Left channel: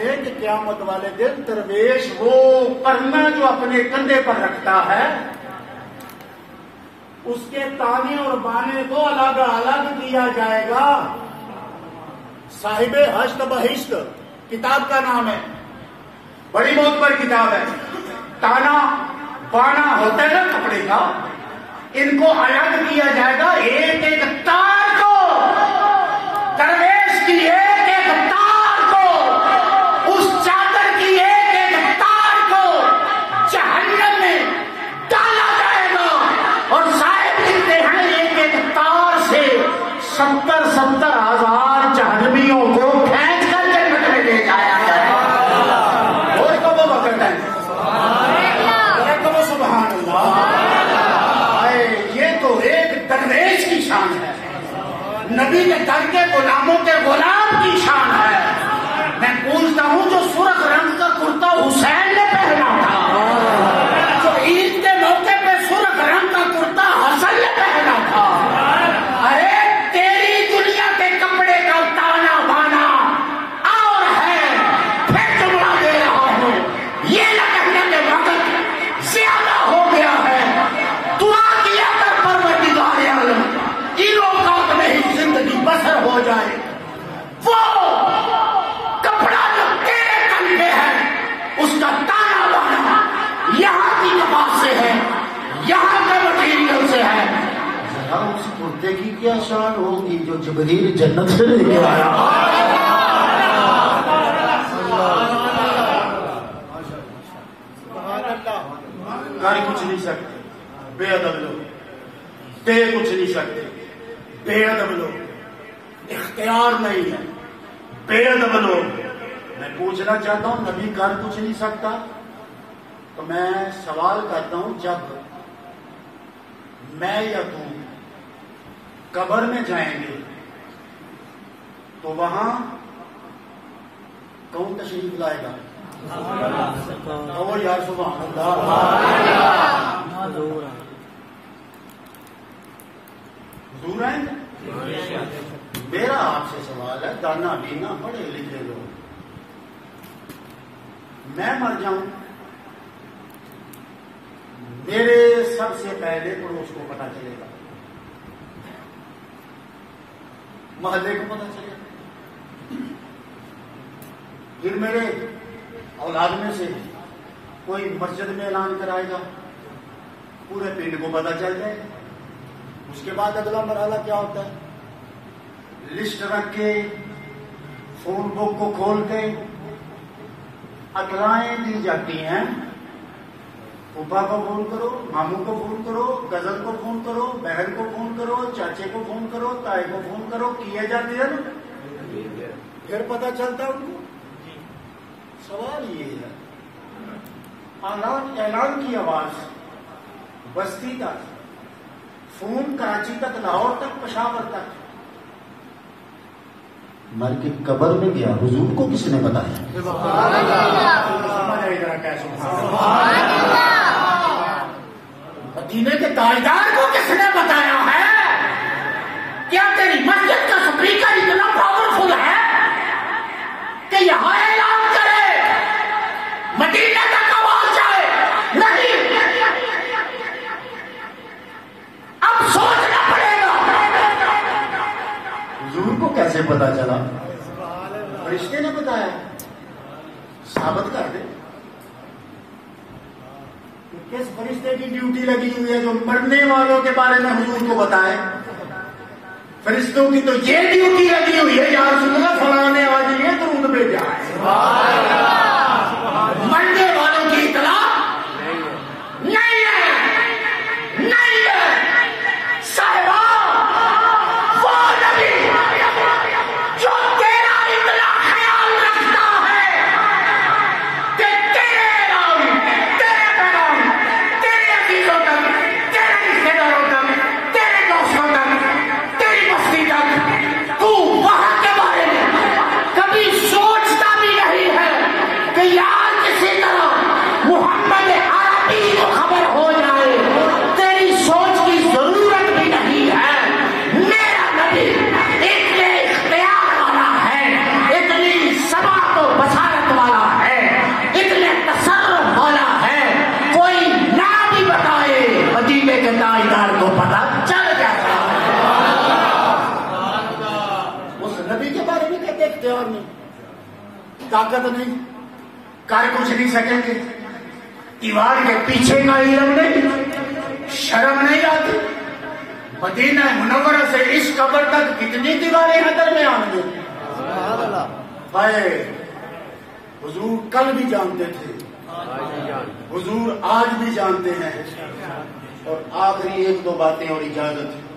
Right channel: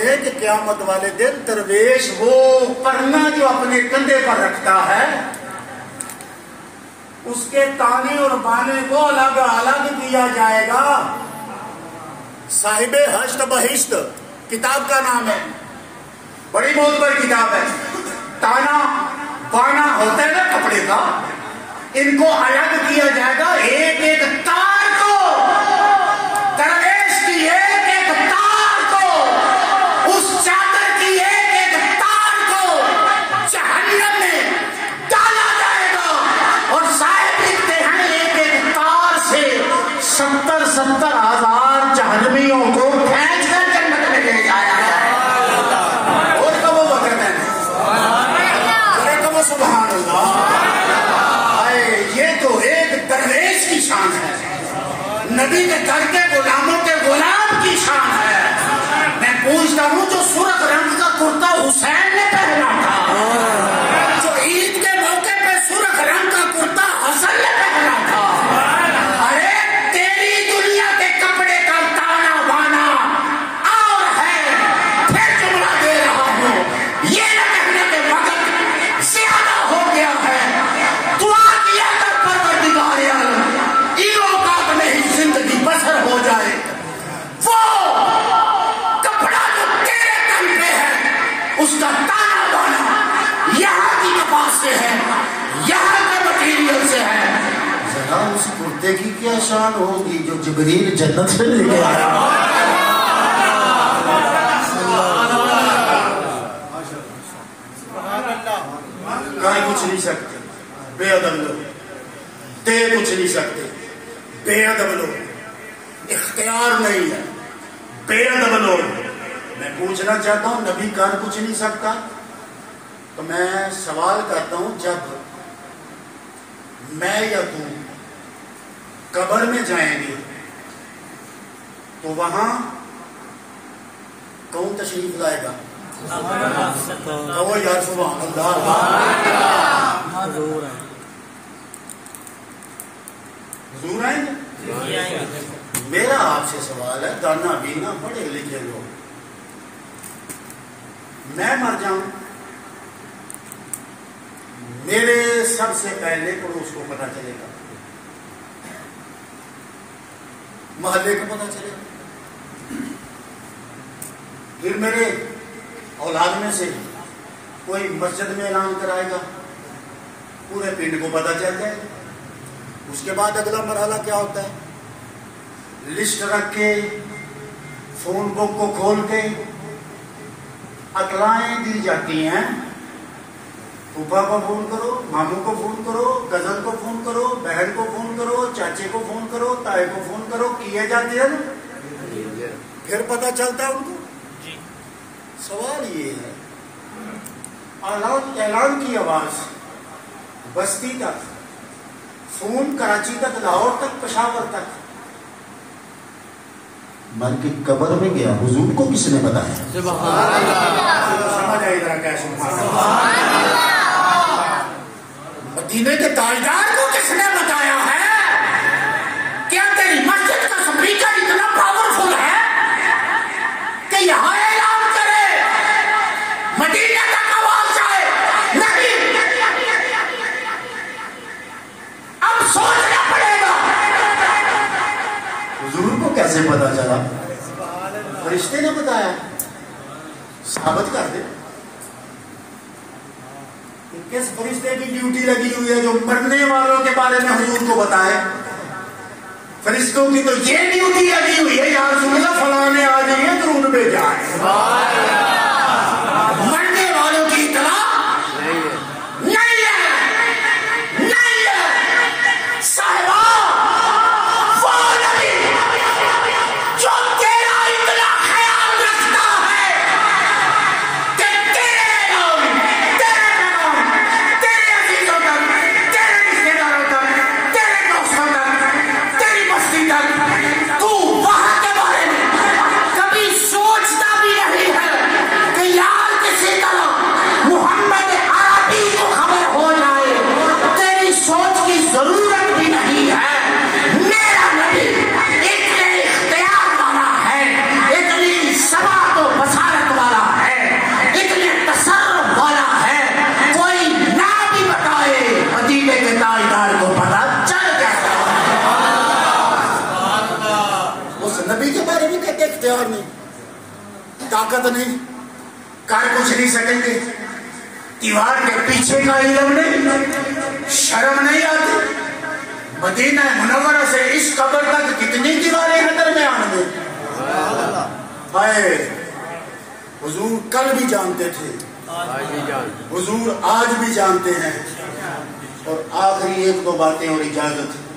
دے کہ قیامت والے دن درویش وہ پرنا جو اپنے کندھے پر رکھتا ہے اس کے تانے اور بانے کو الگ الگ دیا جائے گا. صاحب حشت بہشت کتاب کا نام ہے, بڑی معتبر کتاب ہے. تانا بانا ہوتا ہے نا کپڑے کا, ان کو الگ دیا جائے گا. ایک ایک تار کو, درویش کی ایک ایک تار کو, اس چادر کی ایک ایک تار کو جہنم میں ڈالا جائے گا. اور صاحب لکھتے ہیں ایک ایک تار سے 70,000 جہنمیوں کو کھینچ کر جنت میں لے جایا ہے. اور کب وہ وقت ہے, سبحان اللہ. یہ تو ایک درویش کی شان ہے, نبی کے در کے غلاموں کے غلام کی شان ہے. میں پوچھتا ہوں جو سرخ رنگ کا کرتا حسین نے پہنا تھا, جو عید کے موقع پہ سرخ رنگ کا کرتا حسن نے پہنا تھا, ارے تیری دنیا کے کپڑے کا تانا بانا اور ہے. پھر جملہ دے رہا ہوں, یہ نہ کہنا کہ وقت زیادہ ہو گیا ہے. دعا کیا کر پروردگار عالم ان اوقات میں ہی زندگی بسر ہو جائے. وہ کپڑا جو تیرے تن پہ ہے اس کا تانا بانا یہاں کی کپاس سے ہے, یہاں کے مٹیریل سے ہے. ذرا اس کرتے کی کیا شان ہوگی جو جبریل جنت سے لے کے آیا. کہیں کچھ نہیں سکتے, بے ادب لوگ. دے کچھ نہیں سکتے, بے ادب لوگ. اختیار نہیں ہے, بے ادب لوگ. میں پوچھنا چاہتا ہوں نبی کر کچھ نہیں سکتا, تو میں سوال کرتا ہوں جب میں یا تم قبر میں جائیں گے تو وہاں کون تشریف لائے گا؟ کہو یار سبحان اللہ. حضور آئیں گے. میرا آپ سے سوال ہے, دانا بینا پڑھے لکھے لوگ, میں مر جاؤں, میرے سب سے پہلے پڑوس کو پتا چلے گا, محلے کو پتا چلے گا, پھر میرے اولاد میں سے کوئی مسجد میں اعلان کرائے گا, پورے پنڈ کو پتا چل جائے گا. اس کے بعد اگلا مرحلہ کیا ہوتا ہے؟ لسٹ رکھ کے فون بک کو کھول کے اطلاعیں دی جاتی ہیں. پھوپھا کو فون کرو, ماموں کو فون کرو, کزن کو فون کرو, بہن کو فون کرو, چاچے کو فون کرو, تائی کو فون کرو, کیے جاتی ہے نا, پھر پتا چلتا ہے ان کو. سوال یہ ہے, اعلان کی آواز بستی تک, فون کراچی تک, لاہور تک, پشاور تک, مر کے قبر میں گیا, حضور کو کس نے بتایا؟ سمجھ آئی ذرا کیسے. مدینے کے تاجدار کو کس نے بتایا ہے؟ کیا تیری مسجد کا سپیکر اتنا پاورفل ہے کہ یہاں اعلان کرے, مدینے تک آواز جائے؟ نہیں, اب سوچنا پڑے گا. حضور کو کیسے پتا چلا؟ فرشتے نے بتایا, ثابت کر دے. کس فرشتے کی ڈیوٹی لگی ہوئی ہے جو مرنے والوں کے بارے میں حضور کو بتائے؟ فرشتوں کی تو یہ ڈیوٹی لگی ہوئی ہے, یا رسول اللہ فلاں نے آ جائیے درود بھیجا ہے. مرنے والوں کی اطلاع نہیں ہے, نہیں ہے. صاحبہ وہ نبی جو تیرا اتنا خیال رکھتا ہے کہ تیرے اعلان, تیرے پیغام, تیرے عزیزوں تک, تیرے رشتے داروں تک, تیرے دوستوں تک, تیری بستی تک, تو وہاں کے بارے میں طاقت نہیں، کر کچھ نہیں سکیں گے، دیوار کے پیچھے کا علم نہیں، شرم نہیں آتی؟ مدینہ منورہ سے اس قبر تک کتنی دیواریں ہیں درمیان میں؟ ہائے، حضور کل بھی جانتے تھے، حضور آج بھی جانتے ہیں. اور آخری ایک دو باتیں اور اجازت